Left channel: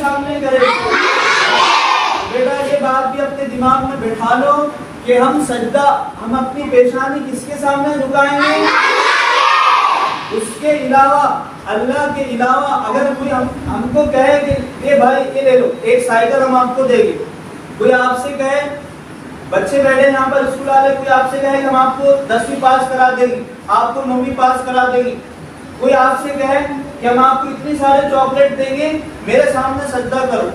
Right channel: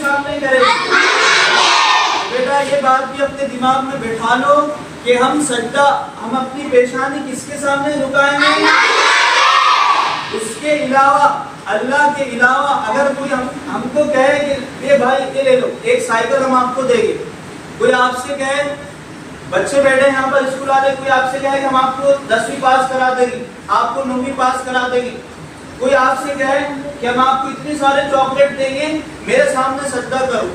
सामने करेंगे। बेटा ये बात भी अपने दिमाग में बिठा लो कि हम सजदा, हम अपनी पेशानी किसके सामने झुकाएंगे? उसके अलावा, अल्लाह के अलावा अगर कोई हमको कहे कि ये भाई ये ले लो, एक साइकिल हम आपको देंगे, कोई आपसे कहे, बच्चे बैठे यहाँ पर स्कूल वाले, कोई आपसे कहे कि हम आपको 10वीं पास करा देंगे, आपको 9वीं पास करा देंगे, कोई आपसे कहे कि हम आपको इतने सारे चॉकलेट देंगे, मेरे सामने सजदा करो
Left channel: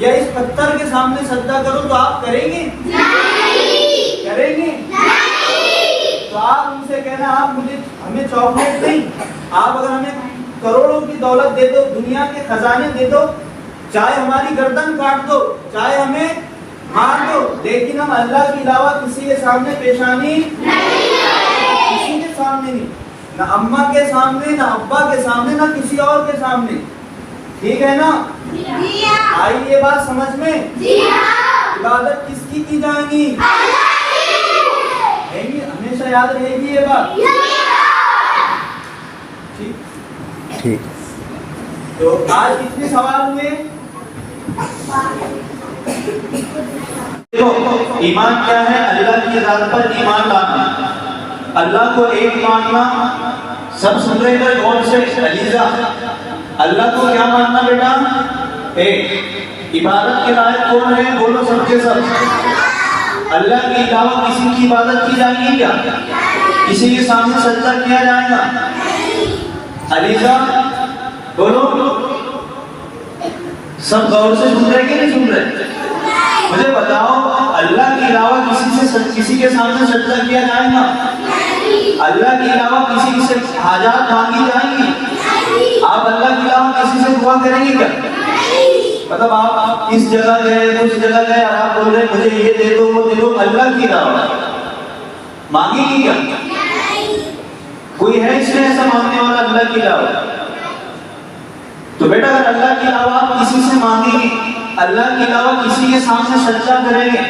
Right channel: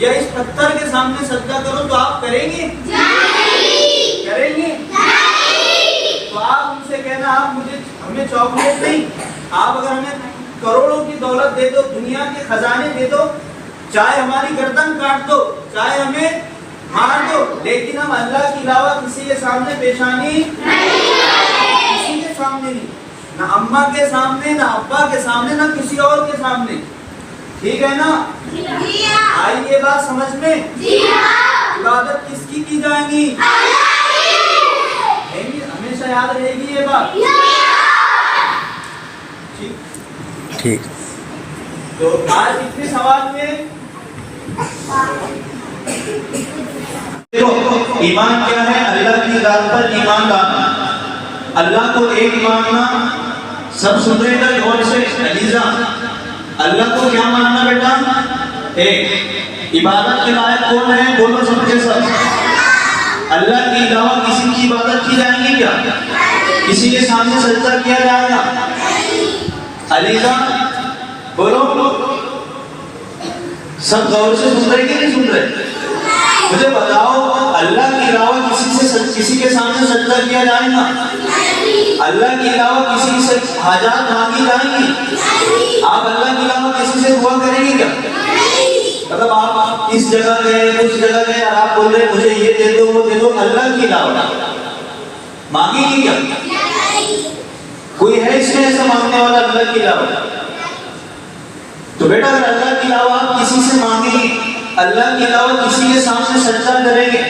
या इस पत्थर के सामने सजदा करो, तो आप करेंगे? करेंगे? तो आप उनसे कहना आप हमें चॉकलेट नहीं, आप अगर हमें करोड़ों की दौलत दे दो, दुनिया के खजाने दे दो, चाहे हमारी गर्दन काट दो, चाहे हमें मार दो, लेकिन हम अल्लाह के अलावा किसी के सामने पेशानी किसी के सामने नहीं, ना अम्मा के सामने, ना अब्बा के सामने, ना किसी और के सामने। ठीक है ना? आई ये बात समझ में? इबादत किसकी की जाएगी? हमेशा याद रहेगी ये बात। ठीक। तो आज कितने सवाल हुए? देखो, ईमान क्या है? अल्लाह की ज़ात पर ईमान लाना, अल्लाह को एक मानना। सब सुन रहे हैं गौर से? अलीजा, अल्लाह को क्या मानना बेटा? एक। इबादत के लायक कौन है? बोलो सबके सब। अल्लाह के अलावा किसी की इबादत की जाएगी क्या? किसी के सामने सजदा किया जाएगा? अलीजा बोलो, सब गौर से सुन रहे कि नहीं सुन रहे? मुझे बताओ, अल्लाह के अलावा किसी के सामने सजदा किया जाएगा? अल्लाह के अलावा किसी से हाजात मांगी जाएंगी? आप अल्लाह के अलावा किसी से दुआ करेंगे क्या? मतलब आप इस जगह गए, उस जगह गए और आप बोल रहे मुझे ये दे दो, वो दे दो, अल्लाह के अलावा मांगेगी क्या? कोई है इसमें ऐसा मांगने वाला अल्लाह के अलावा? तो बेटा अगर अल्लाह के अलावा आप किसी से मांगेंगे, अल्लाह के अलावा किसी के सामने सजदा करेंगे,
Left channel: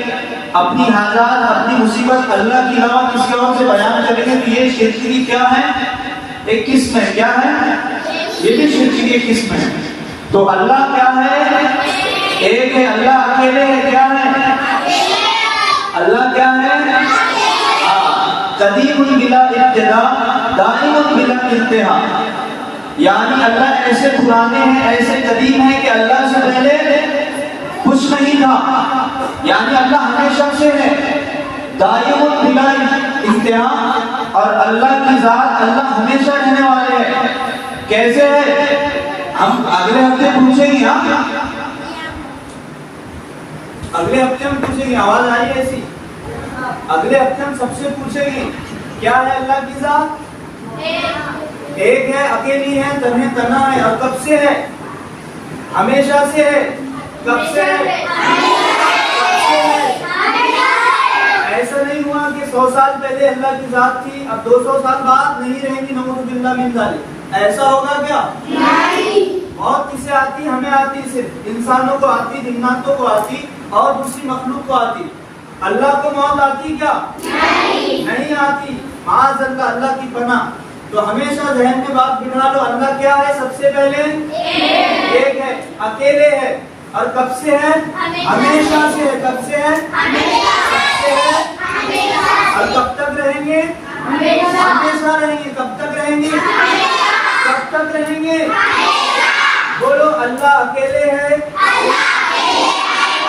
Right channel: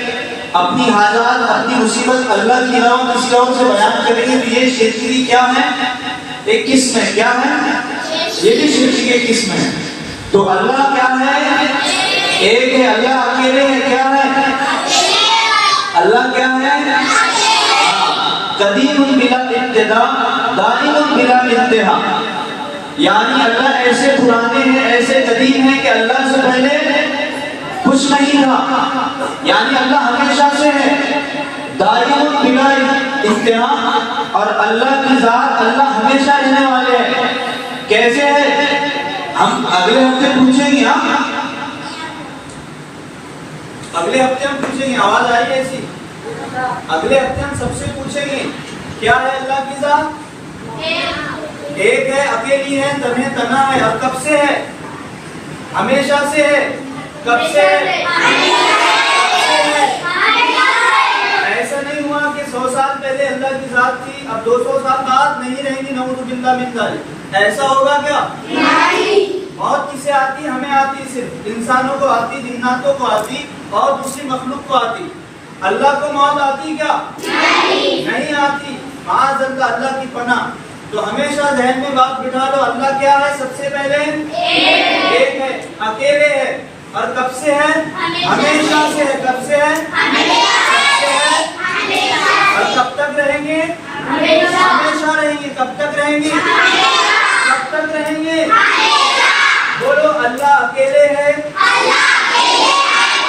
अपनी हाजात, अपनी मुसीबत अल्लाह के अलावा किसी और से बयान करेंगे, तो ये शिर्क की क्या है? एक किस्म है। क्या है? ये भी शिर्क की एक किस्म है। तो अल्लाह क्या है? एक है, अल्लाह अकेले है। क्या है? अल्लाह क्या है? कदीमुन बिला इब्तिदा, दाइमुन बिला इंतहा। यानी अल्लाह ऐसे पुराने हैं, ऐसे कदीम हैं कि अल्लाह से पहले कुछ नहीं था, यानी अल्लाह हमेशा से है। दाइमुन बिला इंतहा, और अल्लाह की जात, अल्लाह हमेशा रहने वाले हैं। कैसे है? हम अगले हफ्ते पूछेंगे। अगले हफ्ते हम पूछेंगे, आवाज आ रही है ऐसी? अगले हफ्ते हम सबसे पूछेंगे क्या है अल्लाह की जात? एक है, अकेली है, तन्हे तना है। और कब से है? हमेशा से है। कब से है? ऐसा नहीं हुआ कि 100 साल पहले अल्लाह की जात थी, अब 200 साल बाद नहीं रहेंगी, नऊज़ु बिल्लाह मिन ज़ालिक। ऐसा होगा क्या? नहीं। मौत किसे आती? हमें आती, सिर्फ इंसानों को आती, जिन्नातों को आती और दूसरी मखलूक को आती। अल्लाह को मौत आती क्या? नहीं आती। माज़अल्लाह, अल्लाह की पनाह। तो हमेशा ज़हन में बात बिठा लो, अल्लाह क्या है? सबसे पहले एक है, अकेले है। और कब से है? हमेशा से है। कब से है? और कब तक रहेंगे? हमेशा रहेंगे। कब तक रहेंगे? कब तक रहेंगे? बोलो, अल्लाह अकेले है,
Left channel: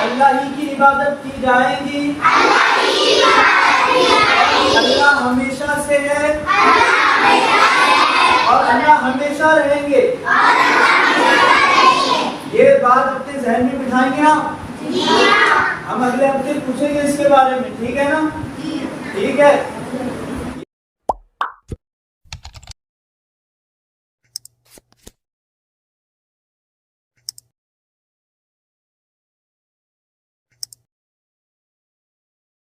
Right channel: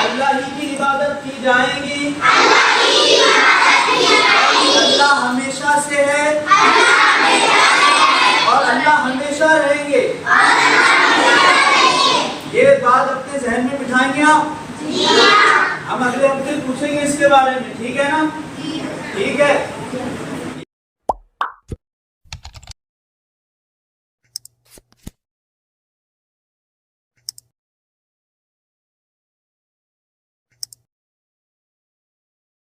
अल्लाह ही की इबादत की जाएगी, अल्लाह हमेशा से है और अल्लाह हमेशा रहेंगे। ये बात अपने जहन में बिठाएंगे आप? हम अगले हफ्ते पूछेंगे इसके बारे में। ठीक है ना? ठीक है।